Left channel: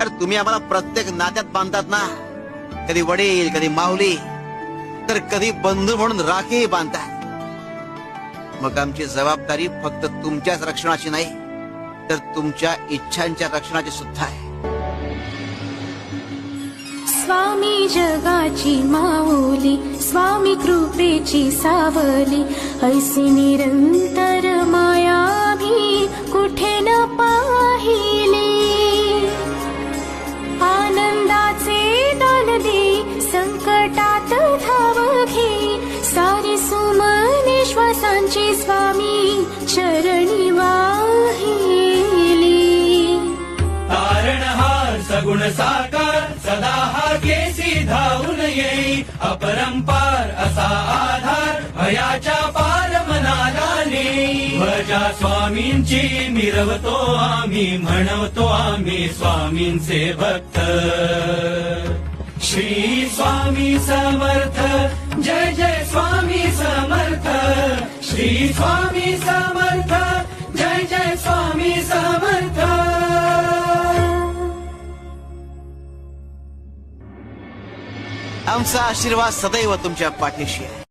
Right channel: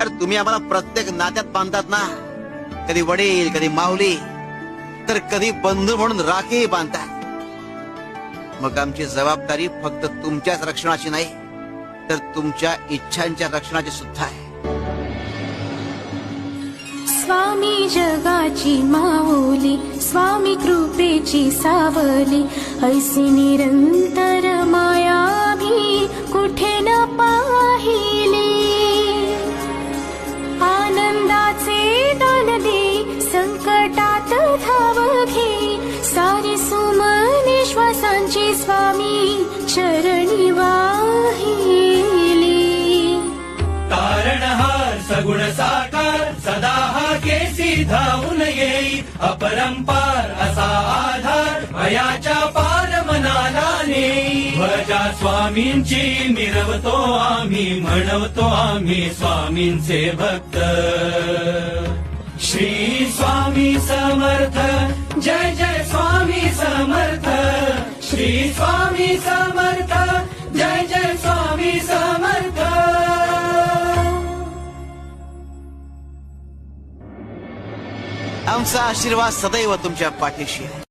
अरे तुम्ही आम्हाला प्रत्येक नात्यात बांधतात ना, कधी वडील, कधी माऊली, तर कधी बंधू म्हणून राखी बांधतात. मग आमची जबाबदारी फक्त तुमच्याच रक्षणाची नाही, तर तुमच्या इच्छांच्या रक्षणाची सुद्धा आहे. स्वामी जगाची माऊली, स्वामी कृपेची सावली, ऐसी निरंतर माया भी कुठे न पाहिली. आनंदाचे दान दे, संकटात धाव घे, सारी सुमने श्वासांची स्वामी चरणी वाहिली. तारणहार सगुण साकार सदा हा केसी धावून येई, अपरंपार असा आधार भयाच्या पार मनाला नेई. भजा स्वामींची मिरवतो आम्ही, म्हणवतो आम्ही स्वामींचे भक्त. श्री स्वामी समर्थ, जय जय स्वामी समर्थ. श्री स्वामी समर्थ, जय जय स्वामी समर्थ. आमचा आशीर्वाद सदैव तुमच्या पाठीशी आहे.